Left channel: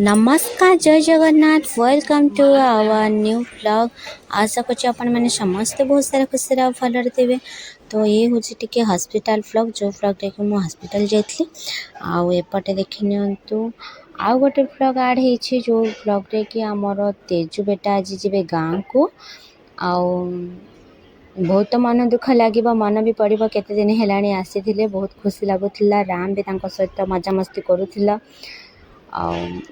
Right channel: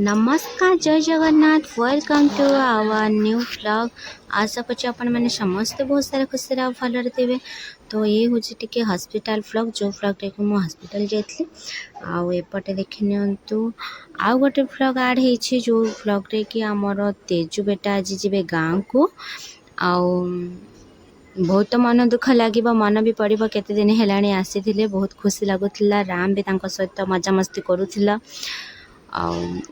नमस्कार जय Jagannath welcome to our new blog. आशा कर मैंने समस्ते बहुत सारा खुशी भलरे थे। तो ये हूँ टी हॉस्पिटल ब्लॉग जो ब्लॉग देखो मुझे हॉस्पिटल जाइली आपटे देखी नियंतु आउ गोटे ब्लॉग ऐड हो जो ब्लॉग रे कि आमर तेजु बेटा आज जी गाँव को आउ बहुत मन दुख लगे मन भी पड़ो केते दिन है आसी बहुत खुशी लगुला राम भी सहित मजामस्ती करूला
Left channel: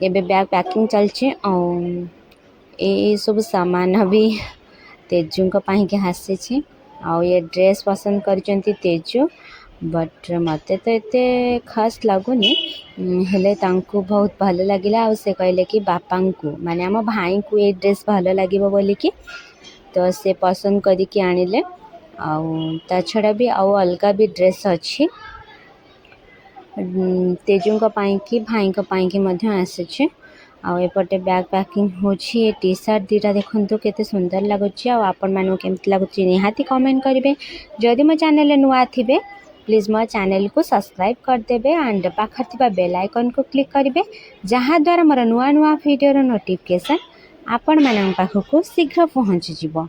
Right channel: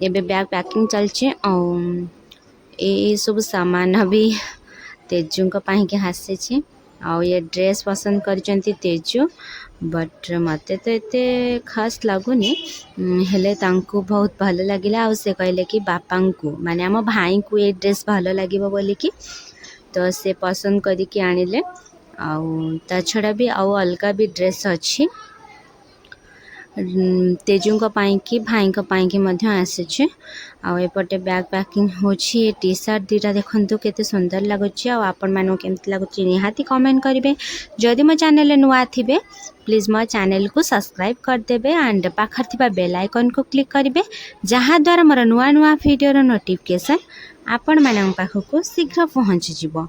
एबे बैग पैकिंग चलची ये सब सामान भी तेजु के आसी ये ड्रेस पसंद करचंती तेजु बट मत तो एते खास लगुनि हेले तांको बहुत भल लगिला से कहले कि बापा को माने आम भाई को ये ड्रेस भल लगे बोली कि तो से पसंद करके आनिले ता छड़ा भी आउ अलगा भी ड्रेस अच्छी तेजु कि भाई की आसी आउपटे बैग पैकिंग होची ये टी शर्ट दीटा देखो केते सुंदर लगुच आपण मानू केमती लगुच निहाती कमेंट करेंगे। जदि मो चैनल नुआ थे प्लीज मो चैनल को सब्सक्राइब करदे एंड पाखर थिबा बेल आइकन को क्लिक करेंगे जहाँ द्वारा मोर नुआ नुआ वीडियो नोटिफिकेशन आपण मान पाखक शीघ्र पहुँची जीवो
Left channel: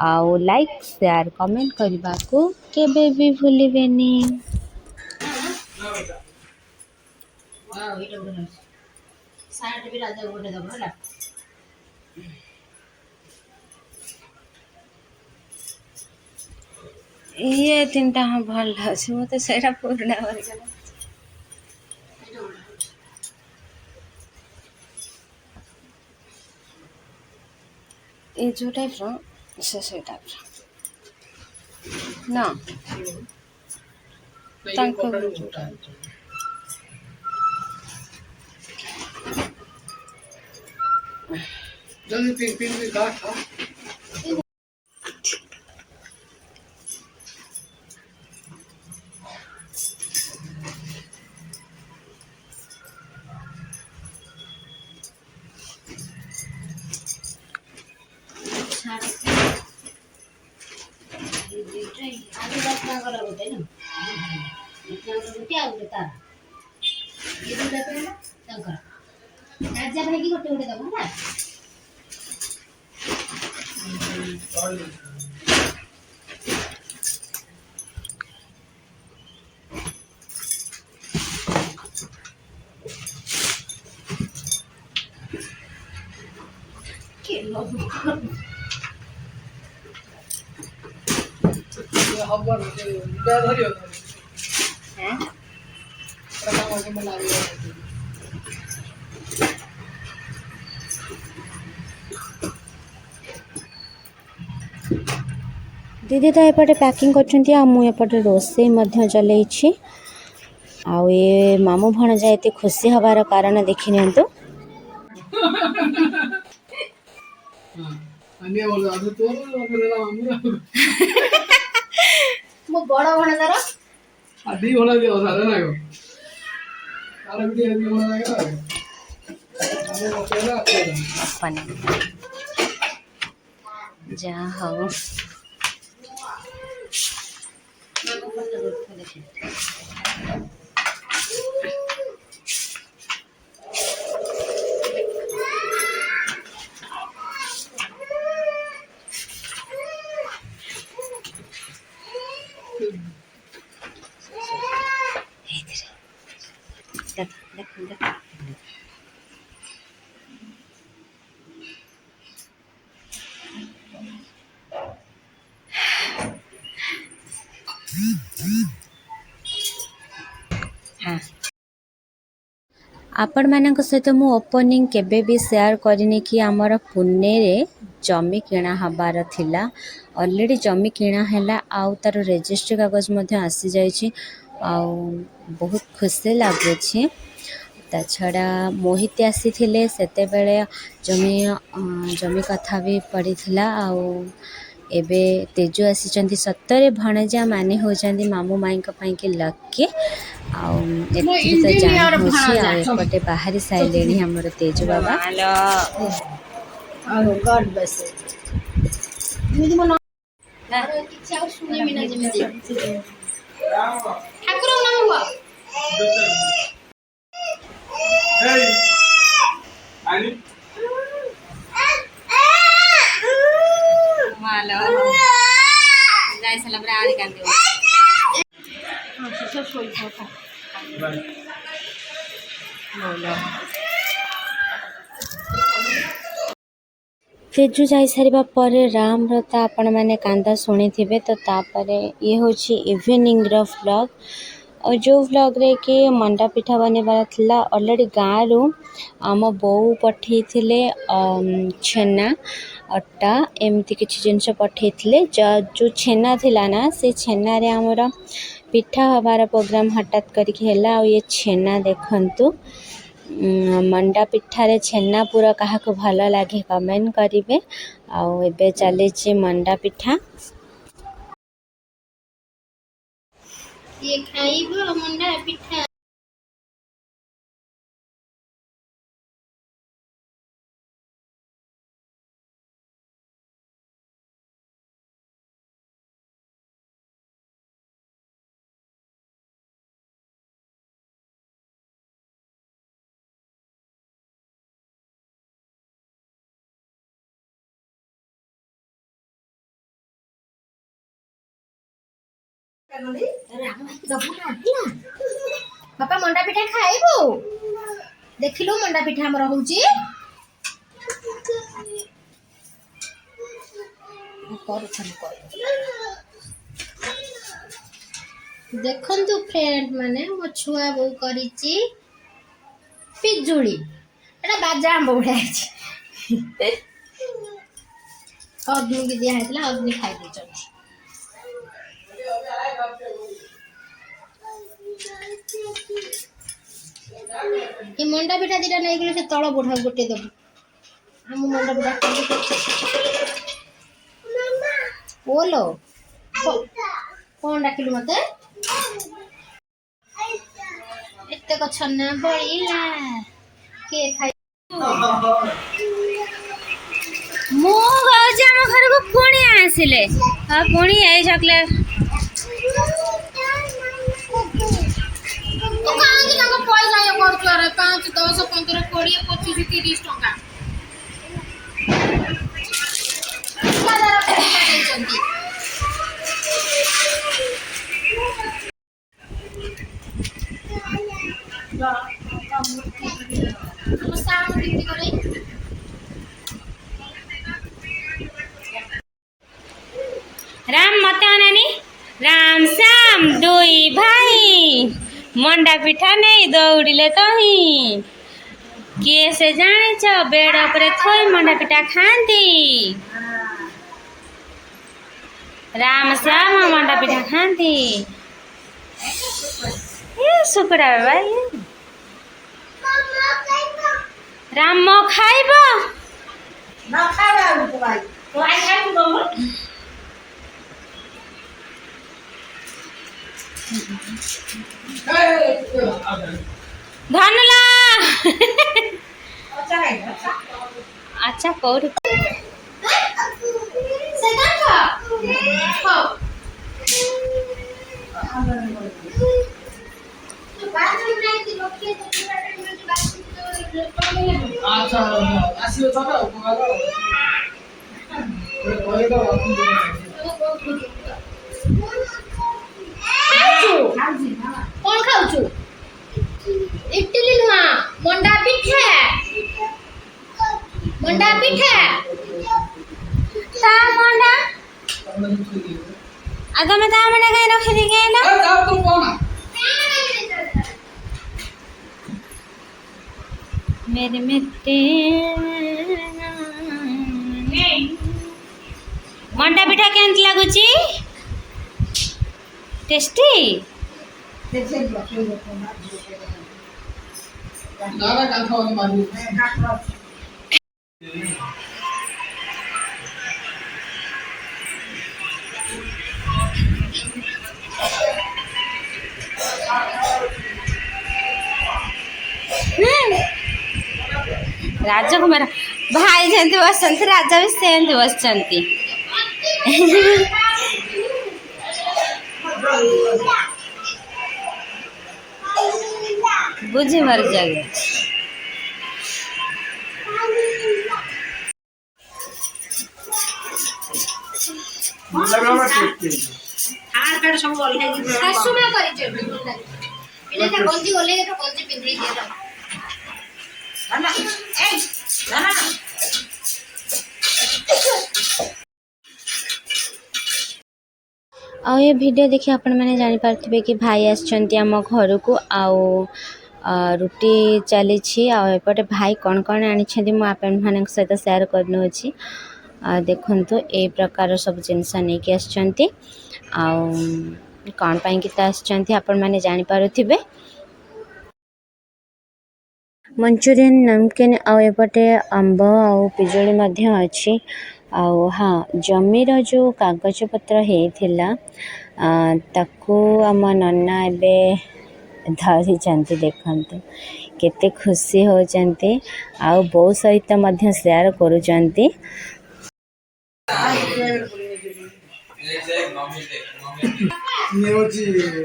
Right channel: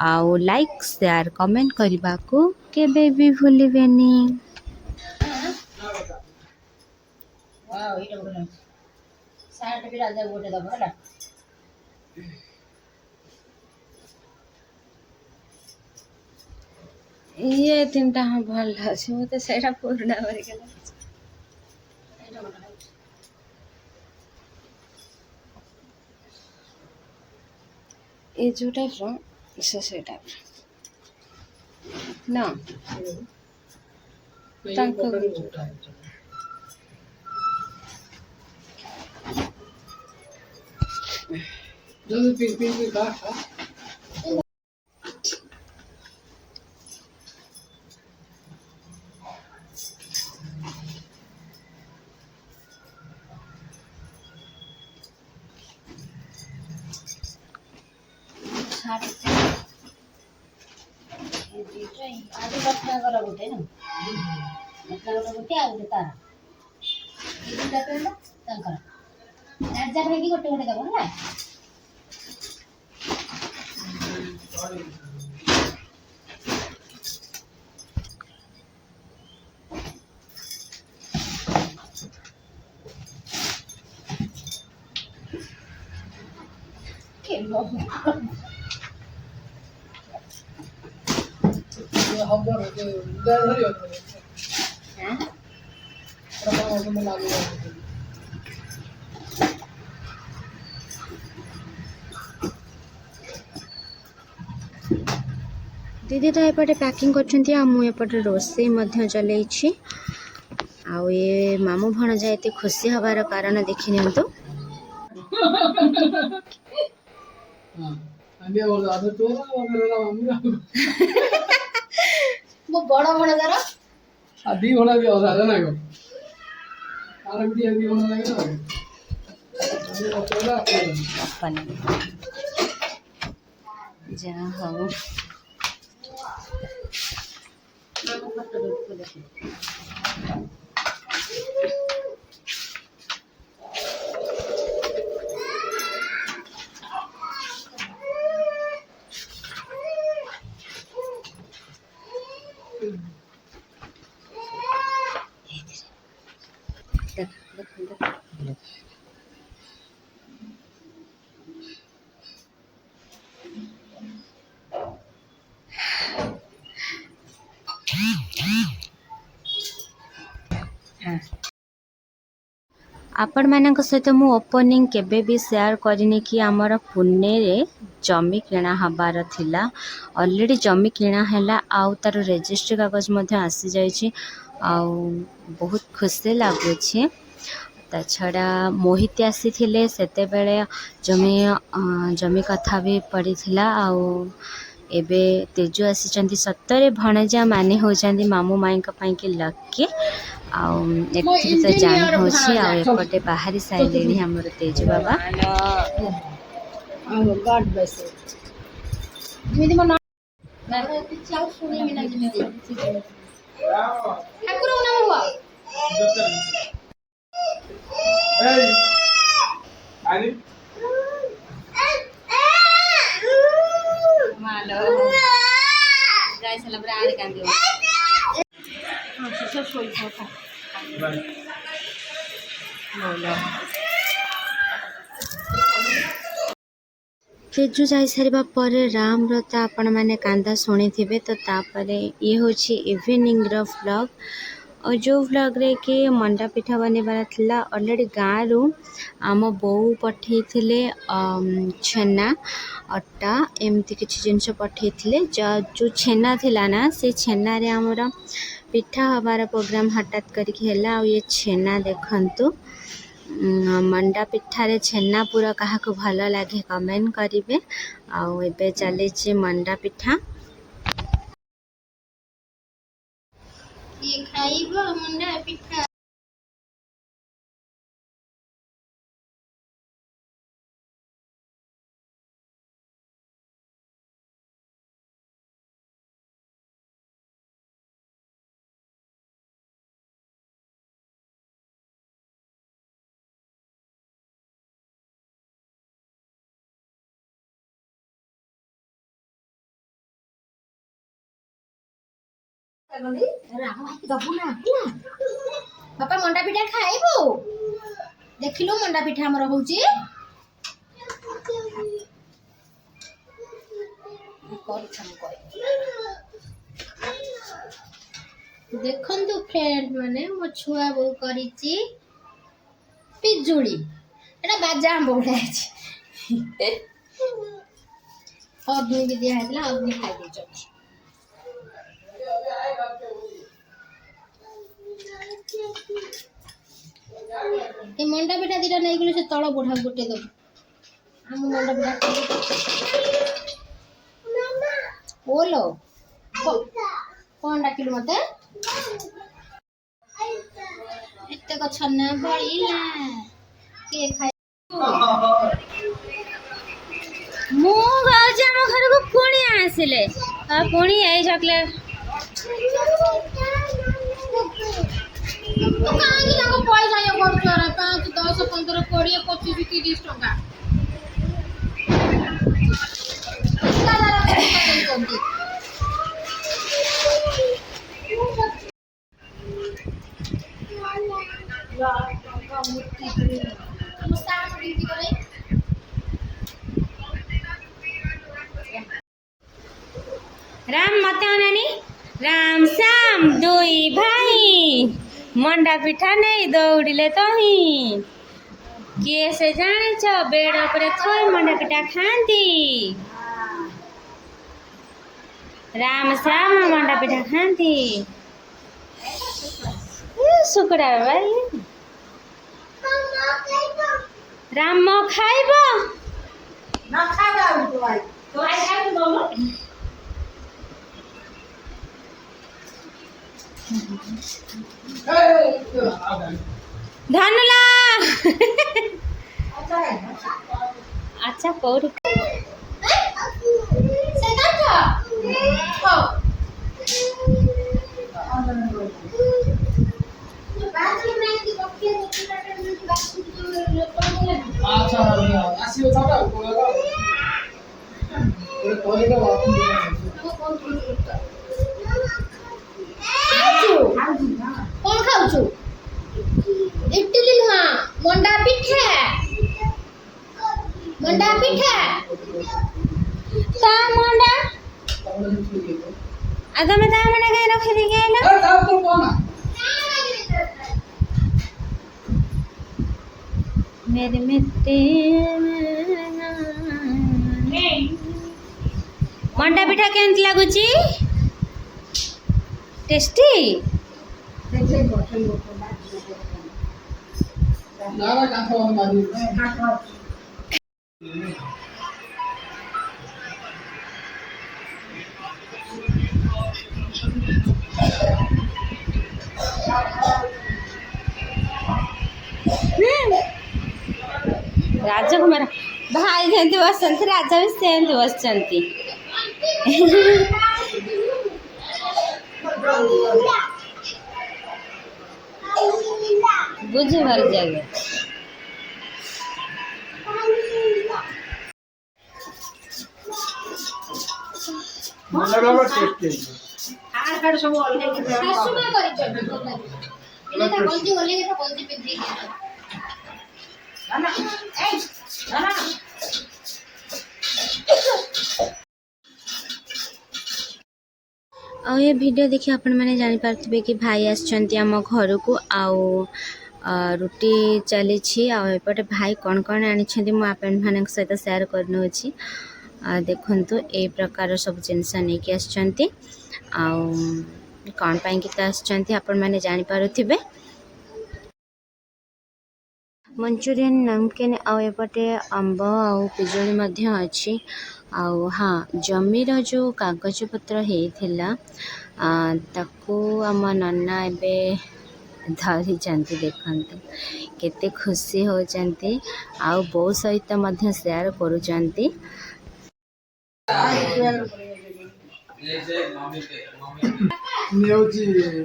आउ लाइक शेयर कमेंट करने को केबे भी भूलिबेनी। सार्ट भी राजा गोटे दब है ये तीन टा हाँ भल लगे मत से पुराना ये जो टाइप से टाइप ना आगे 10 टका गोटे ना 10 टका गोटे आ गोटे तार ये दुटा पेंट राजा भाई की गोटे गोटे दब है दीदी तो एपटे पैकिंग करपटे रोसे चलई आउ ये मामू भणजा एत खुशी हबार कारण देखी नियंतु बड़ भणजार आदि होना भी आधार ना गो आराम भी आदि होना लगे ना अपन जा हो हाँ आपण मान सहित मु ओपनिंग केबे भी शेयर करनी कि आमर पुणे रे जमी किणा हबार थिला ऑलरेडी जमी किणा हैला आउ तार रजिस्ट्री कागज मध्य आसी जाइछि आउ बहुत खुशी लागुछि ता छड़ा मोहित आसी थिले सेते बेले जमी कथा भी पड़ी थिला आउ एबे तेजु आसी सत्तरे भणजा माने होचंदी मामू माई के लक्की तो जान होपटे बाहरी साइले हमर तेजु बाबा गॉड ब्लेस मिदी मना किछ आ सुने मिना जेमिति ठाकुर नाम हुआ मालो जाय सला बरा आड़ कांदी हां सब सोई था बोलो तेजु जाई सारिबा परे राम रता आपण माने कांदा सुनी थिबे तो तापरे ये होची इवनिंग रो व्लॉग और जो व्लॉग रे कि मंडा पिठा बनेबार थिला ऑलरेडी गाँ रु आम बो पठे थिले छेना अटा एमती किछि जिंस पठे थिले जो छेना थिला ना से छेना रे हमर पिठा हबार प्रोग्राम हठात करके हैला और ये छेना देखंतु मंडा पिठारे छेना पूरा क्या भल लगे कमेंट करेंगे आउ एबे चली मंडा पिठा ये खाइबो मंडा पिठा बापा मंडा पिठा खाइबो देखिलु मंडा पिठा हमर होउची देखंतु फ्रेंड माने मो छुआ बो करिची पिजुली एटा बाजा आंब बढिया छी अग्नि के दिया हैतला अग्नि खाइ देचनी ये मंडा पिठा दिटा नहीं गेलो से तळ बुढा गोटे दब हम मंडा पिठा बोलो कौन डाकिलु मते एते को छन्ना बळीला के खाइ मु होजे हम घर को कोणी आसिले आ कोणी आई चॉकलेट ओ कांगी ताको पैसा ये करछु रे 5 10 15 20 25 30 टका सारा रखै चंदी राम मते अनानी राम श्याम दुई भाई मंडा पिठा नहीं दौड़िले तही किए से जाने छ बेड ऊपर थई मंडा पिठा खांती राम श्याम मंडा पिठा खांती ये सुकुड़ा भाई राम मो खाइबो ना खाबा भाई तो आई खाइबो दम धनुला अच्छा है अच्छा कौड़ी सेगा खा खा अच्छा आसियो छ त कोला ओले त कौन खाउछु इडली नुआ मंडा पिठा ता मंडा आगा में ता मंडा कहीं रख दी गए ना ए जाओ तो कोना मेरे मित्र नहीं मंडा पिठा केंत लागुची टेस्टी देखले बसो दादा काठो वाली बाजू काठो राजकुमार भाई जंतु बसंती राजा भी सेंती बसंती बुझी मर जाए ହାଡ଼ କାଡ଼ ସବୁ ଓହ୍ଲେଇକି ଶାଶୁ ମା କରିଛନ୍ତି ପିଲେ ତା ଗଞ୍ଜି ଓହ୍ଲେଇକି ତ ଗଞ୍ଜି ପିନ୍ଧେଇ ଦିଏ ତ ଆଉ ଏ ଭିଡ଼ିଓ ଦେଖି ଆପଣମାନେ ଜାଣିପାରୁଥିବେ କି ଭାଇ ଆସିଛନ୍ତି ଆମ ଘରକୁ ଆଉ ରୁଟି ଚାଲିଛି ଆଉ ଏପଟେ ଭାଇ କ'ଣ କ'ଣ ଆଣିଛନ୍ତି ମୁଁ ଆପଣମାନଙ୍କ ସହିତ ସେୟାର କରିନେଉଛି। ଦେଖନ୍ତୁ ଏଇ ପ୍ରକାର ସବୁ ଜିନିଷ ନେଇକି ଆସିଛନ୍ତି ଆଉ କ'ଣ ପାଇଁକି ତ ଆସିଛନ୍ତି ଆପଣମାନେ ଜାଣିପାରୁଥିବେ। ମଞ୍ଚୁରିଆନ୍ ନମକିନ୍ ଆଉ ଏପଟେ ଆମ୍ବ ଆଉ ପିଜୁଳି ମଧ୍ୟ ଅଛି। ଆଉ ହଁ ଜମିର ଯେଉଁ କାଗଜପତ୍ର ହେଇଥିଲା ତାକୁ ଆମ ନନା ଏବେ ଧରିଛନ୍ତି। ଦେଖନ୍ତୁ କେତେ ଖୁସି ହେଉଛନ୍ତି ଆଉ ବୋଉ ସହିତ ମଧ୍ୟ ସେୟାର କରୁଛନ୍ତି।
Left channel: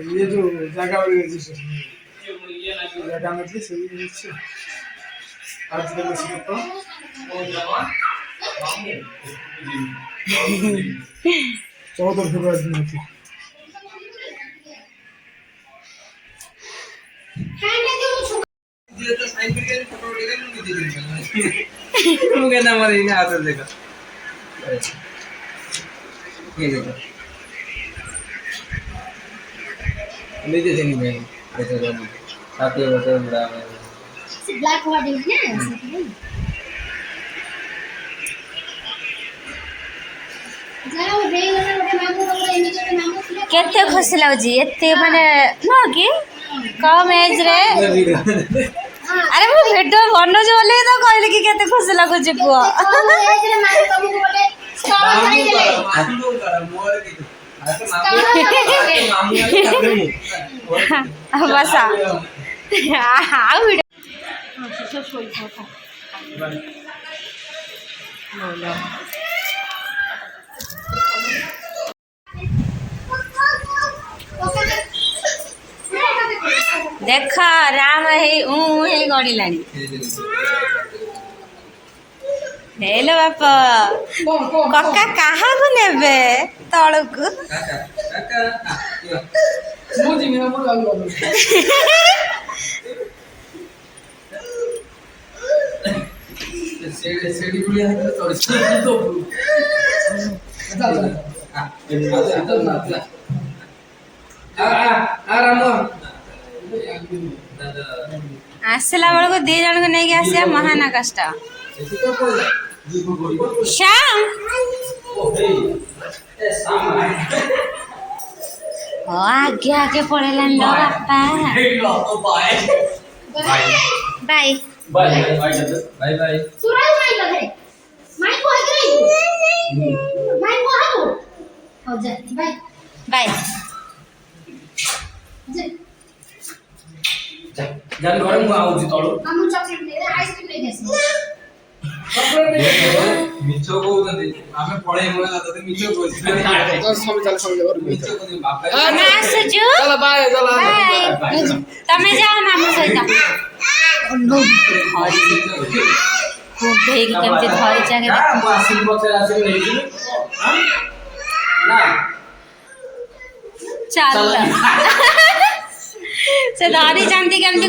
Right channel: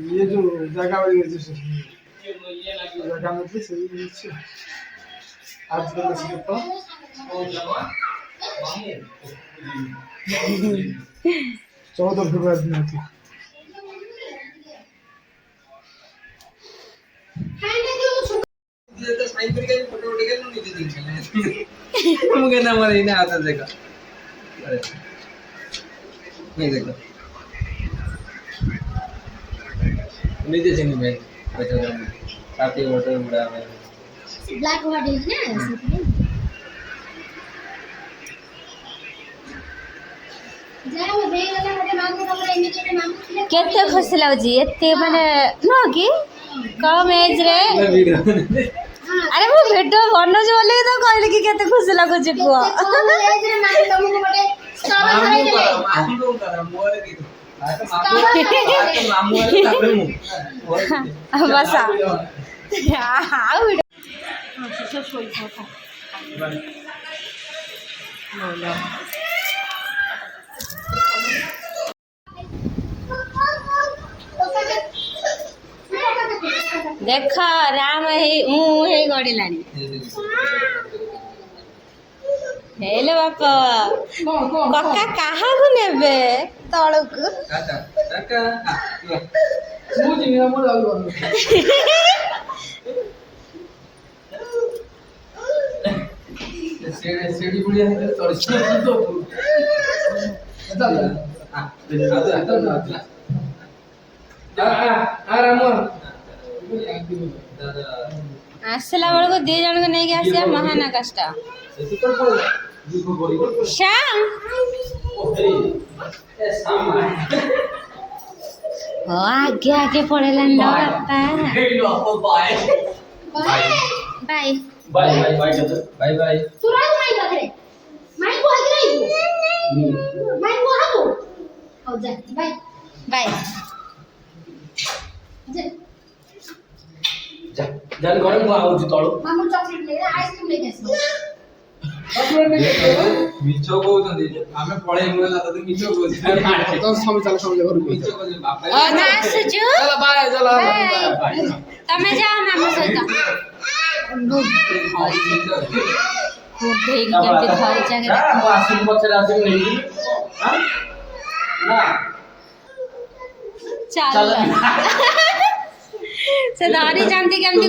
ये जो जगह मिली जगह मिली से आज के लिए तो 14 फरवरी दिन थी ये तो साइन करके फोटो लेके नहीं दे देंगे हम कहना हमारे इन्हें आदत देगा नहीं देखो नहीं दे देंगे भाई बेटा हम साथ ही फोटो बड़ा ब्लैक बॉडी है जाओ देगला ଗୋଟେ ମାମୁ ତମର ଏମିତି ଗୋଟେ ମାମୁ ଥିଲେ କେତେ ଖୁସି ଲାଗୁଛି ଏତେ ମାନେ ନୁହଁ କି କମ୍ ଏଜ୍ରେ। ଆରେ ମୁଁ ଭିଡ଼ିଓ ବନଉଛି ବୋଲି ତ କହିଲି କି କେତେ ଖୁସି ଲାଗୁଛି କୁହ। କମ ଏଜରେ ମାମୁ ତମକୁ ଗୋଟେ ସ୍ଟଲ ଧରେଇ ଦେଲେ मामू करा मोर के मामू वाले तापरे मु ବସା ଆଉ ଦେଖ ରାମ ହେଇ ଗଡ଼ିଲାଣି। ହେଇଲୋ ବାପା କକା କାହାକୁ ନେବେ ତଳକୁ? काका काका मु जिमी मोर वाला सेडी बुढ़िया है तो चढ़ चल ଆସିଲା ବେଳକୁ 2 ଜଣଙ୍କୁ ନେଇକି ଆସିବା ମହାନ କଷ୍ଟ। ଶ୍ୟାମ ଆଗେ ଆଗେ ପଳେଇଲାଣି ଲୋ ବାପା। Bye bye bye bye bye सुराई माई गधे माई को आगे रही माई को हालो हो जा बाय ବାଇ जे जान घरे मु आउची तळू मामू चॉकलेट ले आइसक्रीम ले गेस मिचो कहउतंदी आमे पळे बोला तते मिचो कहउची तो सब चले घर में मिचो कहउची बापा ତମେ ଆସୁଛୁ चलो बाय चलो ବାଇ ତମେ ଯାଅ ମାମୁଁ ସହିତ। କୁଣ୍ଢେଇକି କେମିତି ଧରିଛନ୍ତି ନା ମୁଁ ଆସିବି ପଛରେ ଆସିବି ନେଇଯିବି ନା ଚାଲ ସେ ଧରିଛନ୍ତି କେମିତି